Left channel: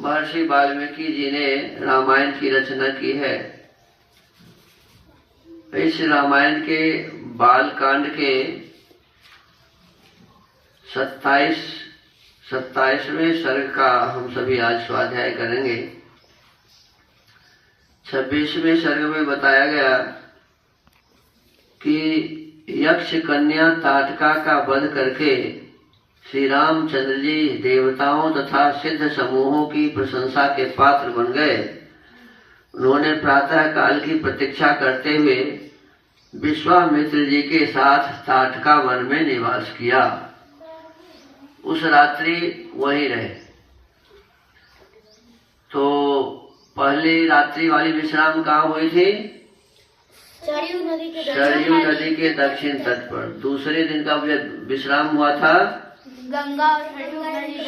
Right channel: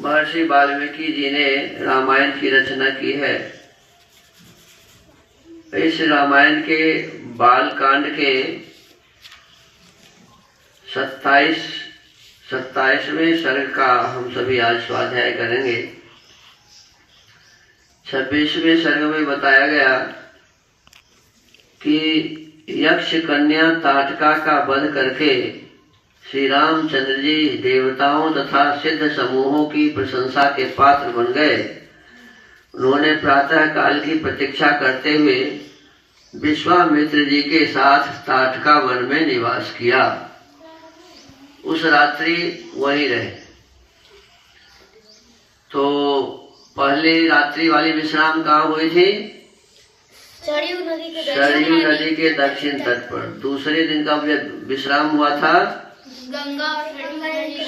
महर्षि वाल्मीकि जी ने रामायण की रचना की है। इस रामायण के बालकांड के 27वें सर्ग का हम सभी आज स्वाध्याय करेंगे। 26वें सर्ग में बताया गया कि यक्ष कन्या ताटका का वध करके श्री रामचंद्र जी देवताओं तथा सिद्ध समूहों की प्रशंसा के पात्र बन गए। उन्होंने प्रातः काल की प्रतीक्षा करते हुए विश्वामित्र जी के साथ ताटका वन में निवास किया। उस रात्रि वहीं रहे। तो पहली रात्रि वाली विश्राम कहाँ हुई थी? सरयू नदी के दक्षिण तट पर। दूसरे दिन का विश्राम हुआ था गंगा और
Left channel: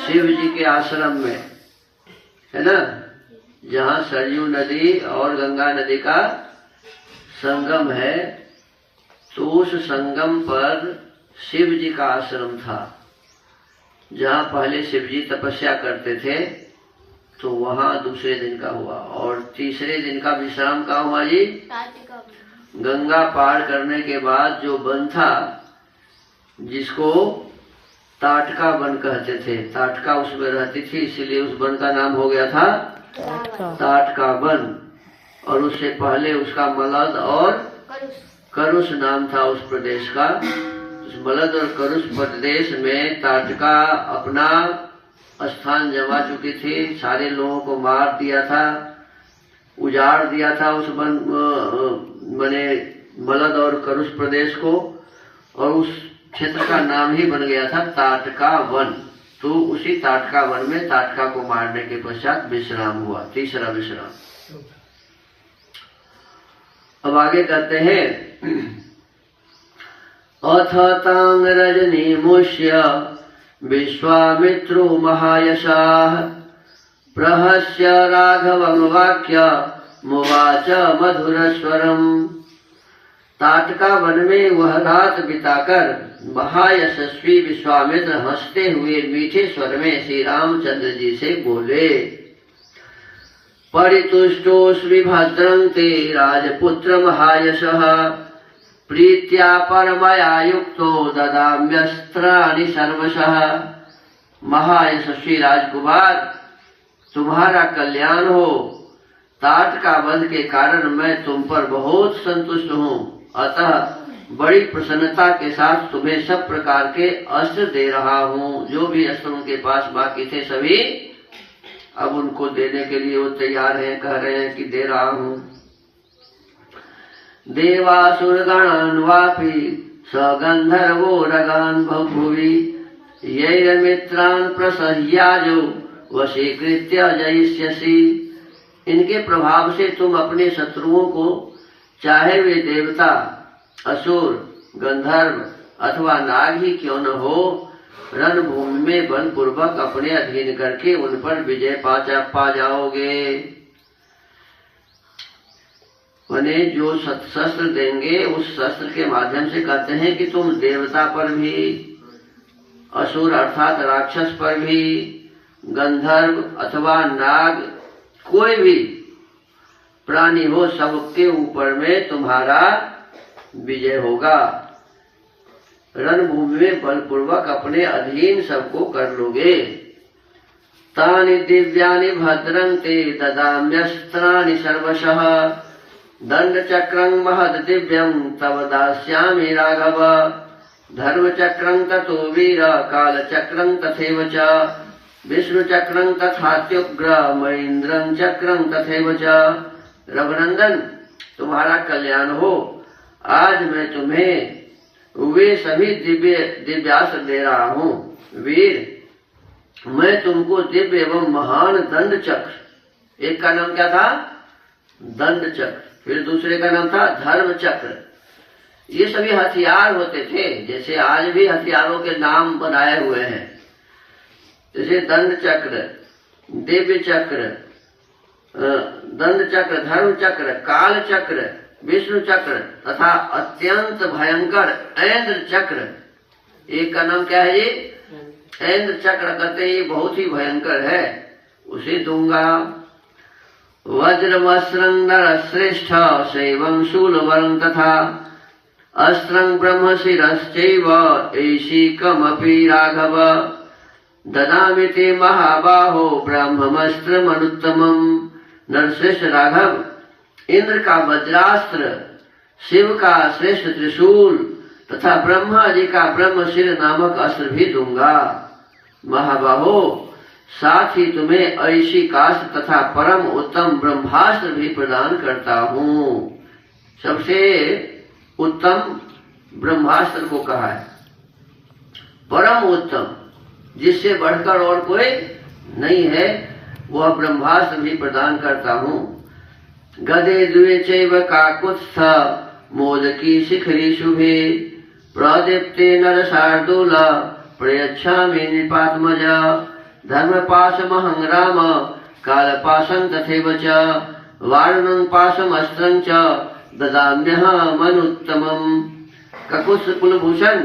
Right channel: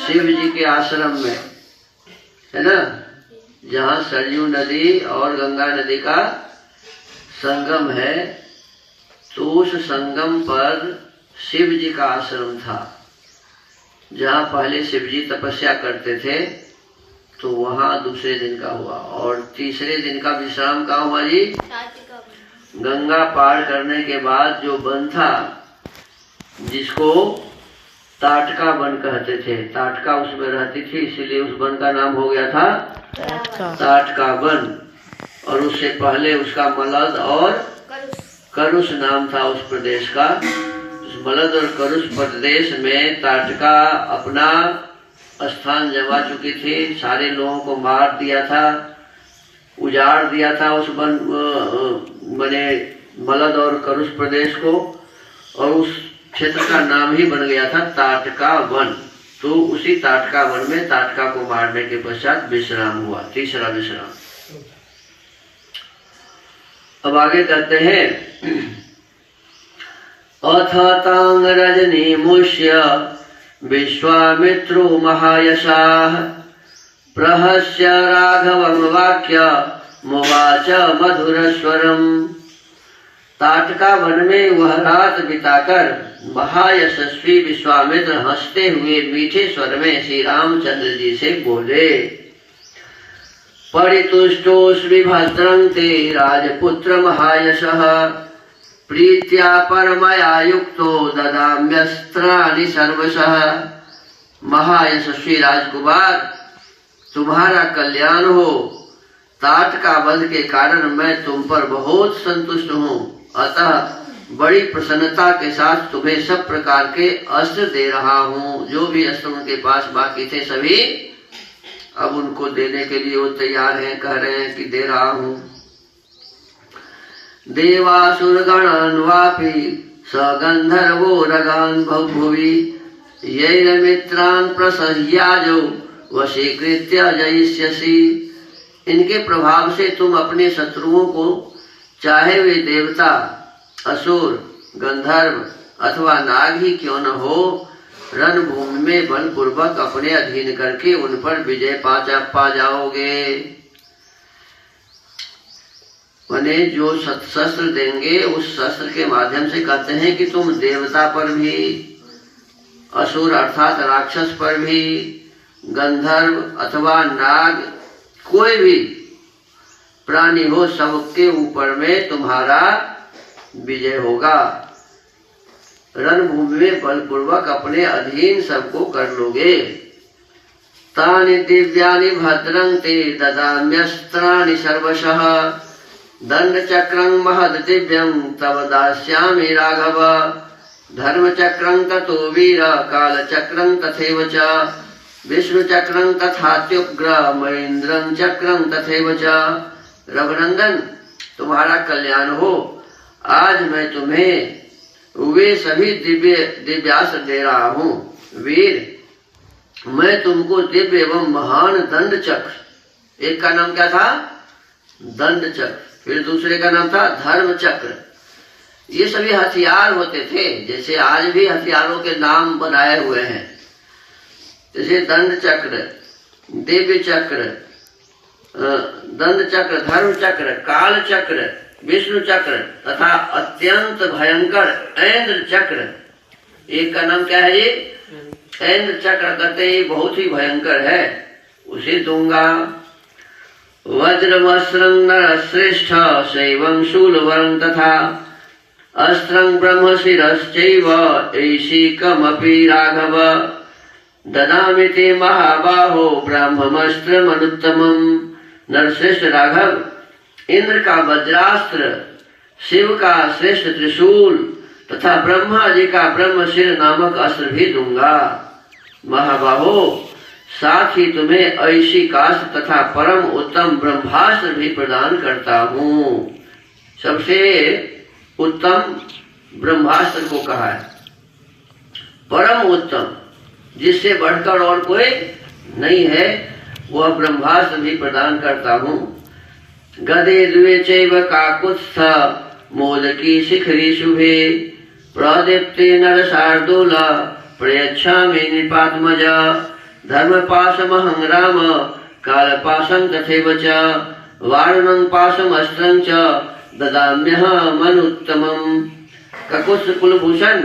शिव जी के आश्रम में, है ना, जहाँ सरयू नदी और गंगा नदी का संगम है। तो उस संगम पर शिव जी का आश्रम था, जहाँ पहले शिव जी तपस्या करते थे। तो वहाँ दूसरे दिन का हुआ। और तीसरे दिन का विश्राम कहाँ हुआ जी? गंगा पार करने के बाद जो वन था, जिसको ताटका वन कहते थे, ताटका उसमें रहती थी, इसीलिए उस वन का नाम हो गया था ताटका वन। और उससे पहले उसका मलद और करुष नाम था उस प्रदेश का। उस मलद और करुष प्रदेश में ताटका अपना स्थान जमा चुकी थी। सारे लोगों को मार दिया था, उजाड़ दिया था उस वन बने मलद और करुष प्रदेश को। और उस क्षेत्र का नाम ही बन गया था ताटका वन। तो उसी ताटका वन में ताटका को मारने के पश्चात विश्राम हुआ, तीसरा विश्राम। अब आगे कहते हैं, अथ तांग रजनी मुष्य विश्वामित्रो महायशाः प्रहस्य राघवं वाक्य मुवाच मधुरस्वरम्। ताटका वन में वह रात बिताकर महायशस्वी विश्वामित्र हंसते हुए मीठे स्वर में श्री रामचंद्र जी से बोले, परितुष्टोऽस्मि भद्रं ते राजपुत्र महायशः प्रीत्या परमया युक्तो ददाम्यस्त्राणि सर्वशः। महायशस्वी राजकुमार, तुम्हारा कल्याण हो। ताटका वध के कारण मैं तुम पर बहुत संतुष्ट हूँ, अतः बड़ी प्रसन्नता के साथ तुम्हें सब प्रकार के अस्त्र दे रहा हूँ। जो भी अस्त्र उनके पास बाकी थे सभी अब उनको देने के लिए वो तैयार हैं, कह रहे हैं कि दे रहा हूँ। देवासुरगणान् वापि सगंधर्वो रगान् बहुभुवि यैरमित्रान् प्रसह्याजो वशीकृत्य जयिष्यसि। इनके प्रभाव से तुम अपने शत्रुओं को, चाहे वे देवता, असुर, गंधर्व अथवा नाग ही क्यों न हो, रणभूमि में बलपूर्वक अपने अधीन करके उन पर विजय पा जाओगे। माने जो शस्त्र देंगे उस शस्त्र के माध्यम से कहते हैं कि तुम देवता पर भी, असुर अर्थात राक्षस पर भी, गंधर्व अथवा नाग, कोई भी प्राणी हो, सबके ऊपर में तुम्हारा विजय होगा। रणभूमि में बलपूर्वक अपने अधीन सबको कर लोगे। तानि दिव्यानि भद्रं ते ददाम्यस्त्राणि सर्वशः दंड चक्रं महद दिव्यं तव दास्यामि राघव धर्म चक्रं ततो वीर काल चक्रं तथैव च विष्णु चक्रं तथात्युग्र महेंद्रं चक्रं तथैव च। रघुनंदन, तुम्हारा कल्याण हो। आज मैं तुम्हें वे सभी दिव्यास्त्र दे रहा हूँ। वीर, मैं तुमको दिव्य एवं महान दंड चक्र, एक का नाम क्या था? दंड चक्र, फिर दूसरे का नाम था धर्म चक्र। ये सभी हथियार होते थे, जैसे आज भी हथियारों के नाम बनाए हुए हैं। जैसे दंड चक्र, दिव्य चक्र, दंड चक्र, धर्म चक्र, काल चक्र, विष्णु चक्र तथा अत्यंत भयंकर ऐन्द्र चक्र। एक का नाम क्या है? ये ऐन्द्र चक्र कहते हैं, बहुत ही भयंकर है। उसे दूंगा। वज्रमस्त्रं नरश्रेष्ठ शैवं शूलवरं तथा अस्त्रं ब्रह्मशिरश्चैव ऐशिकमपि राघव ददामि ते महाबाहो ब्रह्मस्त्रमनुत्तमम्। नरश्रेष्ठ राघव, इंद्र का वज्रास्त्र, शिव का श्रेष्ठ त्रिशूल तथा ब्रह्मा जी का ब्रह्मशिर नामक अस्त्र भी दूंगा। महाबाहो, साथ ही तुम्हें ऐशिकास्त्र तथा परम उत्तम ब्रह्मास्त्र भी प्रदान करता हूँ। सबसे उत्तम ब्रह्मास्त्र को कहा है, परम उत्तम, जिससे बढ़कर और कोई नहीं है, वह ब्रह्मास्त्र भी प्रदान करता हूँ। गदे द्वे चैव काकुत्स्थ मोदकी शिखरी शुभे प्रदीप्ते नरशार्दूल प्रयच्छामि नृपात्मज धर्मपाशमहं राम कालपाशं तथैव च वारुणं पाशमस्त्रं च ददाम्यहमनुत्तमम्। ककुत्स्थ कुलभूषण,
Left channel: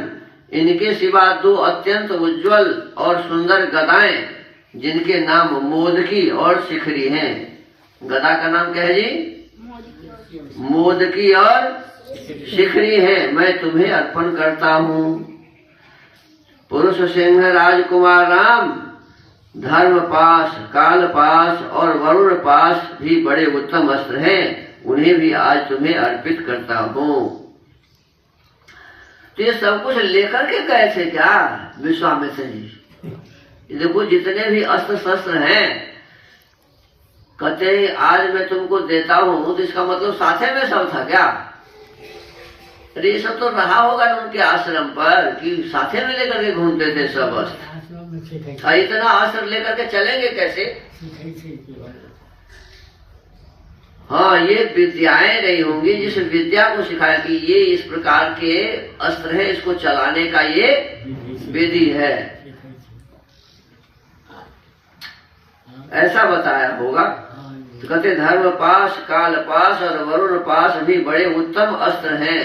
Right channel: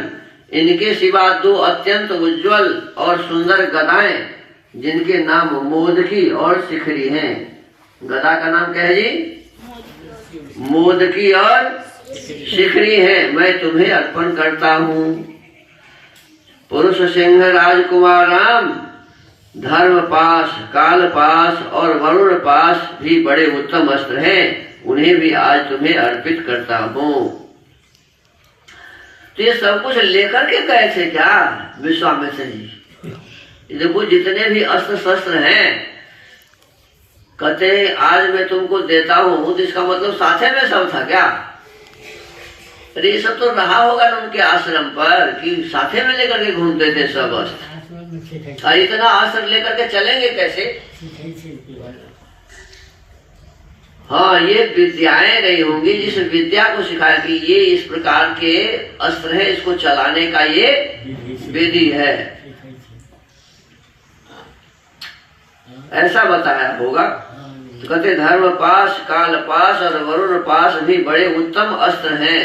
इनके सिवा दो अत्यंत उज्जवल और सुंदर गदाएं जिनके नाम मोदकी और शिखरी हैं। गदा का नाम क्या है जी? मोदकी और शिखरी है, मैं तुम्हें अर्पण करता हूँ। पुरुष सिंह राजकुमार राम धर्म पाश, काल पाश और वरुण पाश भी बड़े उत्तम अस्त्र हैं, उन्हें भी आज तुम्हें अर्पित करता हूँ। तो ये सब कुछ लेकर के गए थे क्या विश्वामित्र जी? देखो जितने भी अस्त्र शस्त्र हैं, कहते आज मैं तुमको देता हूँ, तो इसका मतलब साथे में सब था क्या? अरे ये सब तो रहा होगा ना उनके आश्रम पर कि साथे में लेकर के घूमते थे सब अस्त्र। इतना अस्त्र लेकर के चलेंगे कैसे? हाँ, ये विद्याएं रही होंगी जिस विद्या को सिखाया कि ये इस प्रकार के अस्त्र है, इसको चलाने का ये विधि है, ऐसा बताया होगा। तो कहते धर्म पाश, काल पाश और वरुण पाश भी बड़े उत्तम अस्त्र हैं,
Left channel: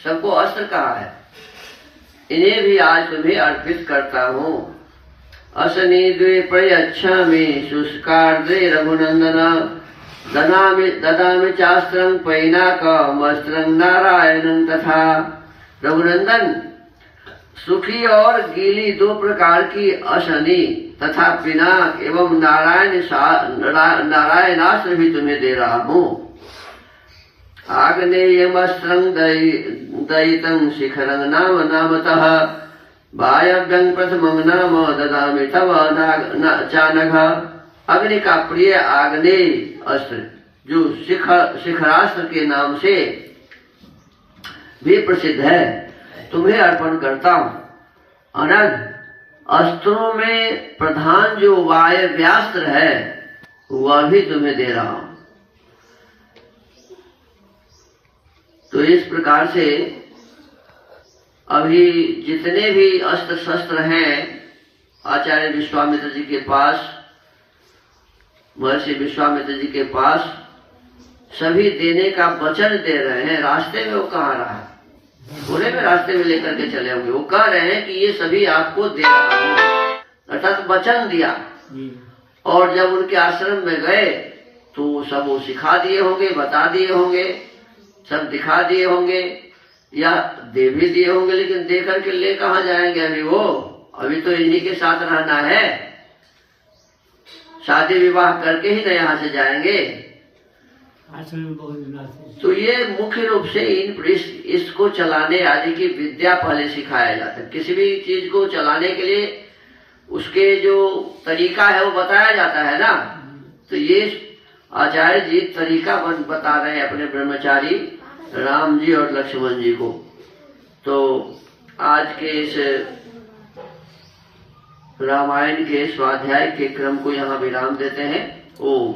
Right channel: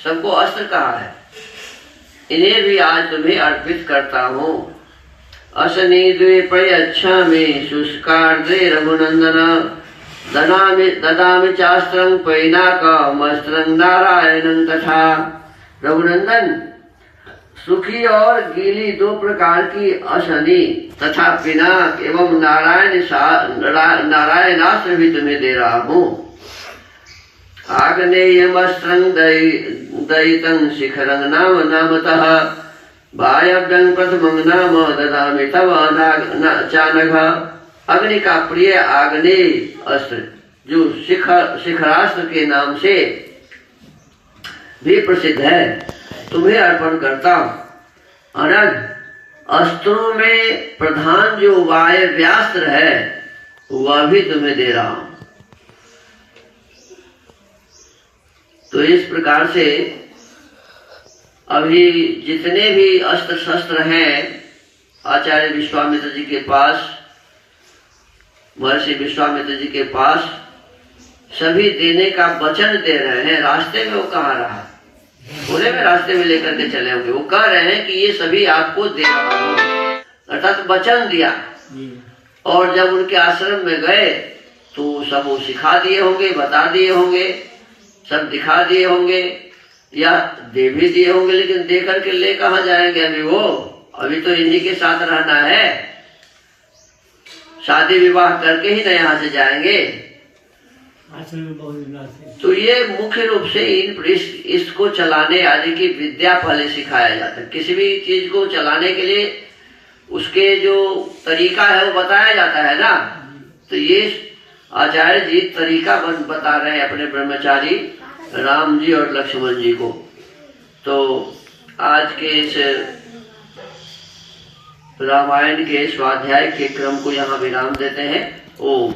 सबको अस्त्र कहा है, इन्हें भी आज तुम्हें अर्पित करता हूँ। असनी द्वे प्रयच्छामि शुष्कार्द्रे रघुनंदन ददामि चास्त्रं पैनाकमस्त्रं नारायणं तथा। रघुनंदन, सुखी और गीली दो प्रकार की असनी तथा पिनाक एवं नारायणास्त्र भी तुम्हें दे रहा हूँ। आग्नेयमस्त्रं दयितं शिखरं नाम नामतः वायव्यं प्रथमं नाम ददामि तव चानघ। अग्नि का प्रिय आग्नेय अस्त्र जो शिखरास्त्र के नाम से भी प्रसिद्ध है, तुम्हें अर्पण करता हूँ। अनग, अस्त्रों में प्रधान जो वायव्यास्त्र है वह भी तुम्हें दे रहा हूँ। तो इस प्रकार से अभी जितने भी अस्त्र शस्त्र हैं आचार्य विश्वामित्र जी के पास, महर्षि विश्वामित्र जी के पास, सभी देने का वचन दे रहे हैं। रास्ते में वो कहाँ रहा, पूरे में रास्ते में लेकर के चले होंगे। वो कह रहे हैं कि ये सभी आपको दे रहा हूँ, अर्थात वचन दिया। और जब उनके आश्रम में गए तो सब वो सिखा दिए होंगे, बता दिए होंगे, सब दिखा दिए होंगे या दे भी दिए होंगे, लेकिन दे करके ले कहाँ जाएंगे अभी? वो अभी तो इन्हीं के साथ रहना है, शादी विवाह करके ही न यहाँ से जाएंगे। तो ये मुख्य रूप से इसको चलाने आदि की विद्या पहले सिखाया जाता है। किसी भी चीज को चलाने के लिए उसके जो तरीका है वो बताया जाता है ना। तो ये आचार्य जी तरीका बता रहे हैं अपने ब्रह्मचारी राम जी और लक्ष्मण जी को। तो आज के इस रामायण के स्वाध्याय के क्रम को यहाँ विराम देते हैं। ओम